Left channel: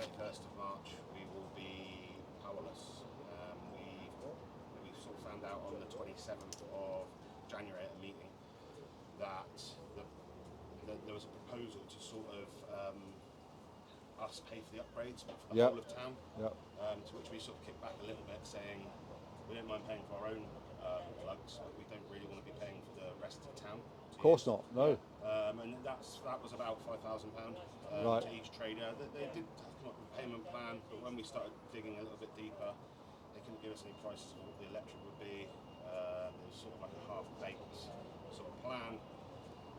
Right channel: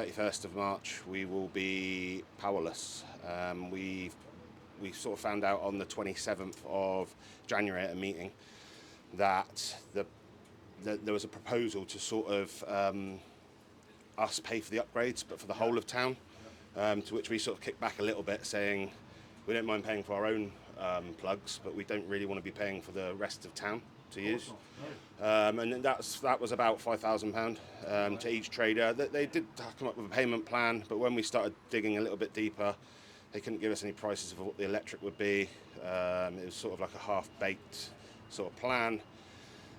31st of March, we will be powerless. We sort of found out on the 27th of January at a meeting that there was a proposal to sort of us pay for the upgrades, but for the whole of town. To which we sort of kicked back a little bit, saying we don't mind paying for our own plugs, but we don't really want to be paying for the rest of town to use. Of course not, no. And that was about £5,000 to each trader. They did come up with a payment plan, but when we started digging a little bit deeper, they couldn't give us any prices of what the electric would be. It was sort of like a half-baked sort of plan.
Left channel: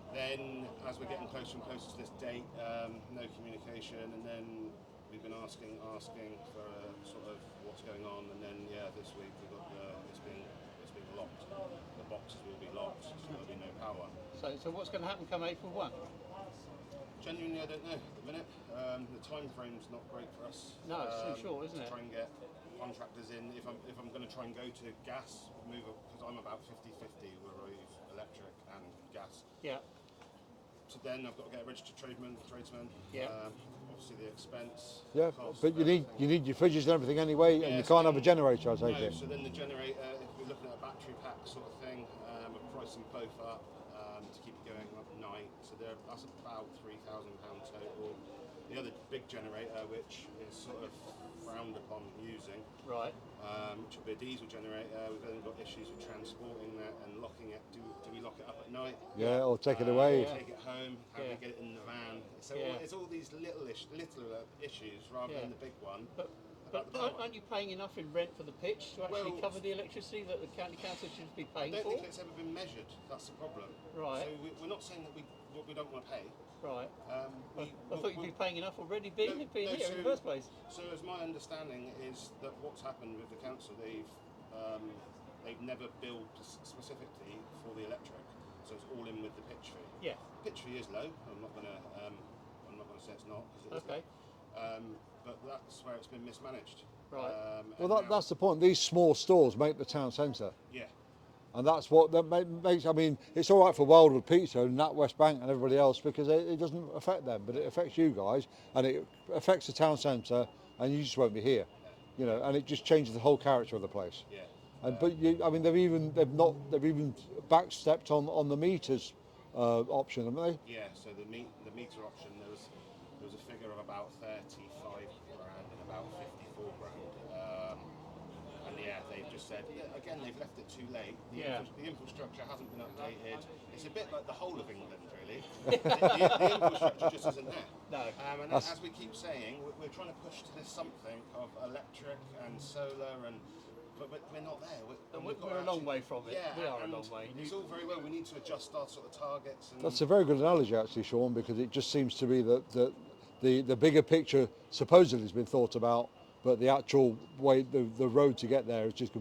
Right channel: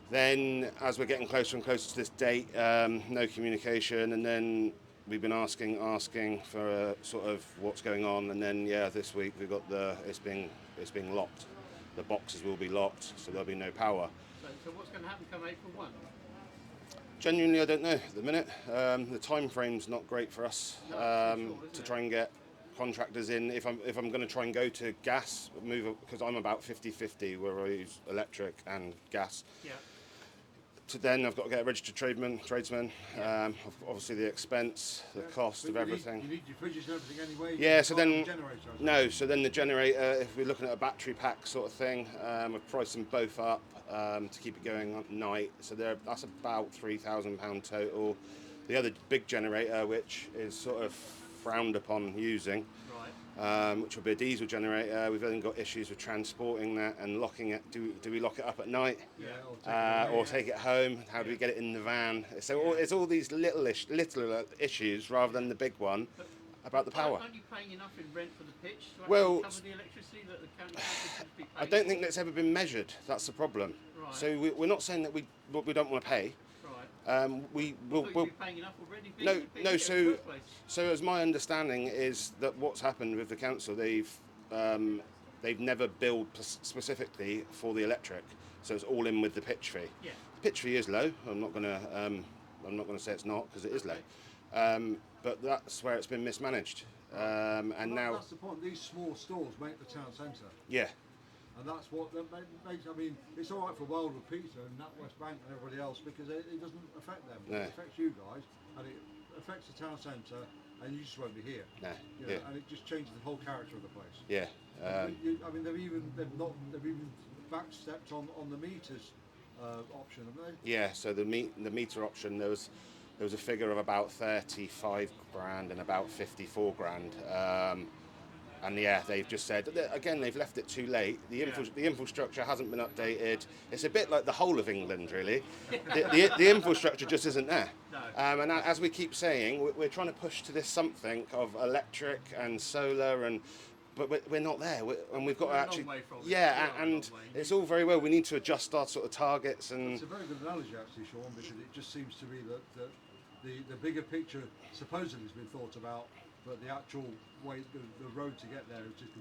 Then, as we're getting closer and closer to this date, no communication, and then we've been asking for sort of what's going on, and then this week we got it's being locked. The boxes will be locked, so there'll be no power. So what's going to happen come April 1? Genuinely, I don't know at the minute. The time frame's not great for us to try and get contractors in. If I'm going to try and go to gas, because I'm about 50-50 where I use electric and gas. Yeah. So then I've got to get a registered tradesman. Obviously the expense, the cost but of everything. You need your fridges and everything anyway. Yeah, you can't have a generator. So then the generator, if we're looking at a battery pack sort of thing, we've priced them both up to keep it going at night. So that's about £3,000 total. The other big generator, which is sort of frowned upon using, which will be a diesel generator. We've then got issues with transporting that and locking it. Do we lock it up at night? Yeah, or take it away, or take it home. How do we get it in the van? So it's all these little issues rather than the big one about the power. Aren't you paying enough in rent for the pitch to actually cover the electricity that the county council should be paying? I don't think that's ever been measured. That's the problem. Right. So we're not saying that we don't want to pay. Right. We'll be paying enough already. So as my understanding is that what's happened with the council, they've never billed specifically for the electric, so it's all in with the pitch fee. Yeah. The pitch fee is low. I'm not going to say it's not, because it is low. But that's where it's been mismanaged. Right. That's the point. These small stores make the town centre. Yeah. And that's what that makes. I mean, it's all right for Wildwood Pizza and Nat West Bank and everybody else because it doesn't affect them, but it affects you guys, and it affects the town centre, and you just won't be here. No. You know, and it just changes the whole character of the place. Yeah. But they've even backstepped on the meters option, haven't they? Yeah. So the meter option, there was a figure of about 35 grand and about 54 grand. And they've just said, again, they've left it too late. The infrastructure hasn't been updated. It's a bit like the whole of England, really. the infrastructure just isn't there. No. And as we keep saying, we're trying to push to this something of electric and solar, but we're not there. We've got to actually... a long way from it. And it's all very well. We need to adjust our sort of targets. That's a very good analogy, actually, Shaun, because it just seems to be that the bigger picture supposedly has been thought about, but the actual way, the road to get there is just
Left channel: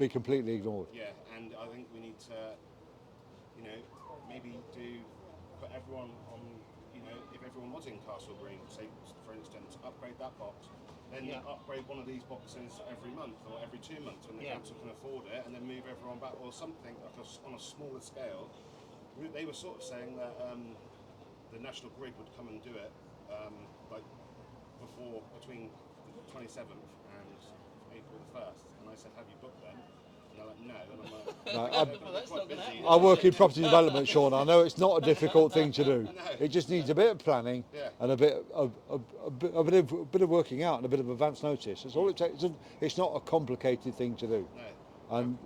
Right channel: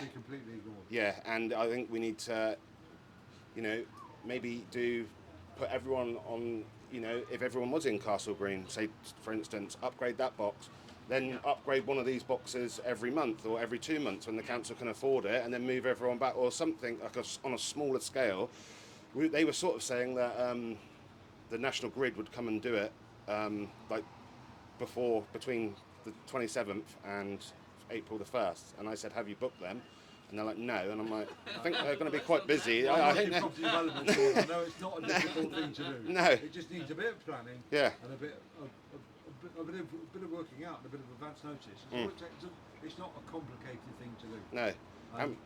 be completely ignored. Yeah, and I think we need to, maybe put everyone on, if everyone was in Castle Green, say, for instance, upgrade that box, then upgrade one of these boxes every month or every 2 months when the council can afford it, and then move everyone back, or something like on a smaller scale. They were sort of saying that the National Grid would come and do it, between the 27th and April the 1st, and I said, have you booked them? And they're like, no, and I'm like, I think they're going to be quite busy. I work in property development, Shaun. I know it's not a difficult thing to do. No. It just needs a bit of planning and a bit of working out and a bit of advance notice. That's all it takes. It's not a complicated thing to do. No. And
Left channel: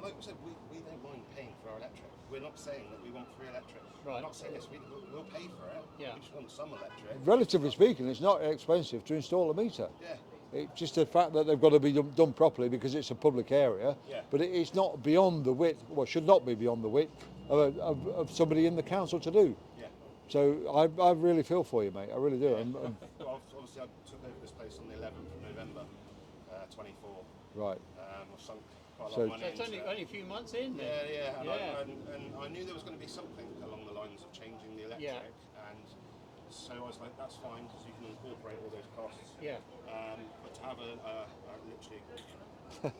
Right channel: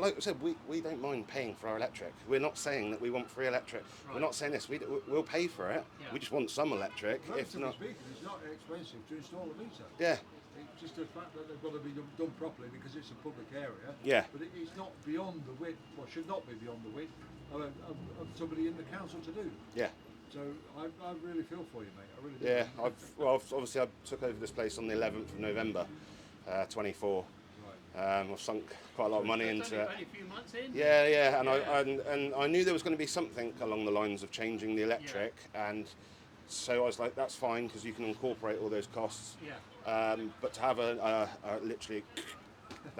like I said, we don't mind paying for our electric. We're not saying that we want free electric. Right. We're not saying this. We'll pay for it. Yeah. We just want some electric. Relatively speaking, it's not expensive to install a meter. Yeah. It's just the fact that they've got to be done properly because it's a public area. Yeah. But it's not beyond the width, should not be beyond the width of somebody in the council to do. Yeah. So I really feel for you, mate. I really do. Yeah. Obviously, I took over this place on the 11th of November, 24. Right. I've sunk quite a lot of money into it. Only a few months in. Yeah, and I knew there was going to be something along the lines of changing the electric, and so I was like, that's fine because you can incorporate all those costs. Yeah. But to have a literally,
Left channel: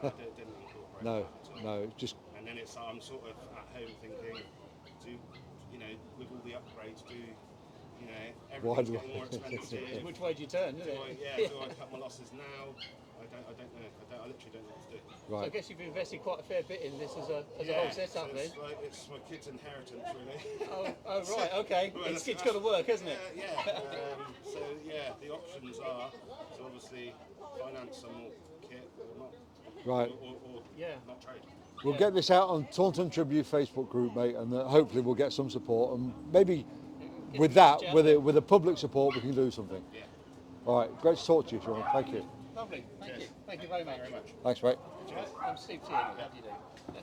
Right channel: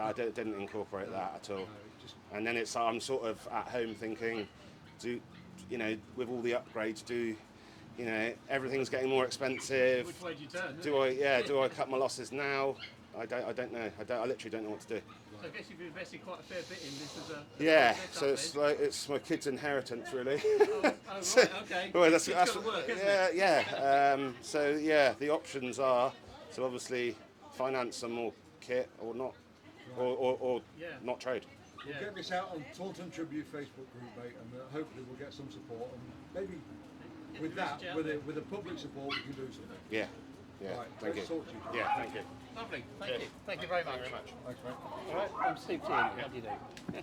I didn't incorporate that at all. No, just. And then I'm sort of at home thinking, with all the upgrades, You know, everything's getting more expensive. Which way do you turn? Do I cut my losses now? I don't know. I literally don't know what to do. Right. So I guess you've invested quite a fair bit in this as a so it's my kid's inheritance really. Oh, right, okay. Well, It's got to work, isn't it? Yeah. The options are to obviously finance some more kit or not, or not trade. We'll get this out on Taunton Tribune Facebook group, mate, and hopefully we'll get some support, and maybe with that, with the public support, we can do something. Yeah. All right, great to talk to you, Shaun. Thank you. Lovely. Thank you. Thank you very much. Thanks, mate. All right, I'm Steve T. How do you do?